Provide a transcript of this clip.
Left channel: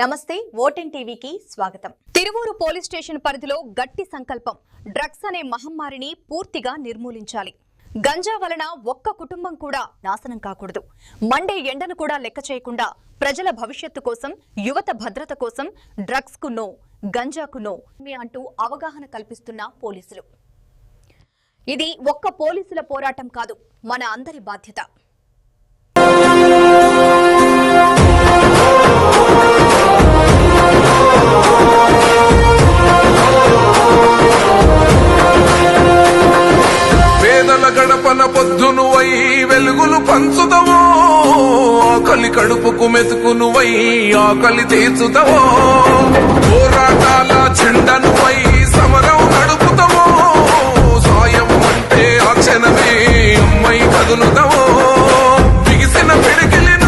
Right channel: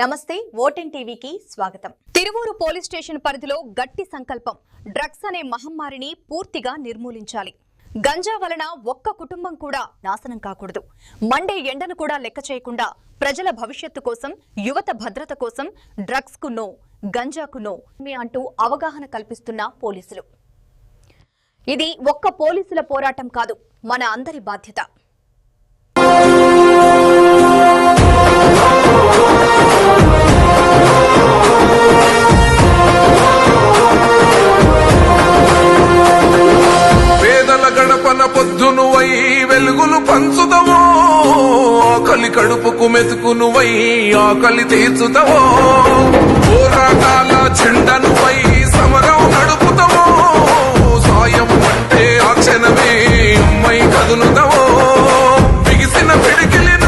నమస్తే ఓటెన్ టీవీకి స్వాగతం. తిరువూరు పోలీస్ స్టేషన్ పరిధిలో గట్టి సంకల్పం. డ్రగ్స్ అనే మహమ్మారిని పూర్తిగా నిర్మూలించాలి. గంజా వలన ఒక్క కుటుంబం కూడా నాశనం కాకూడదు. మండే ఎండను కూడా లెక్క చేయకుండా ప్రజల భవిష్యత్తు కోసం, యువత భద్రత కోసం డ్రగ్స్ కు నో, గంజాకు నో అంటూ అవగాహన కల్పిస్తున్న పోలీసులు. ఇది ఒక్క పోలీసుల పోరాటం కాదు, మన అందరి బాధ్యత. గడపన పొద్దునువై వెలుగులు పంచుతావో, ఆకలి కడుపుకు మెతుకునువై ఆకలి తీర్చుతావో, పోరాటాల చెండనువై సమరం నడుపుతావో, సాయం అంటే ఆ క్షణమే అమ్మై కదులుతావో, బిగిసిన పిడికిలిన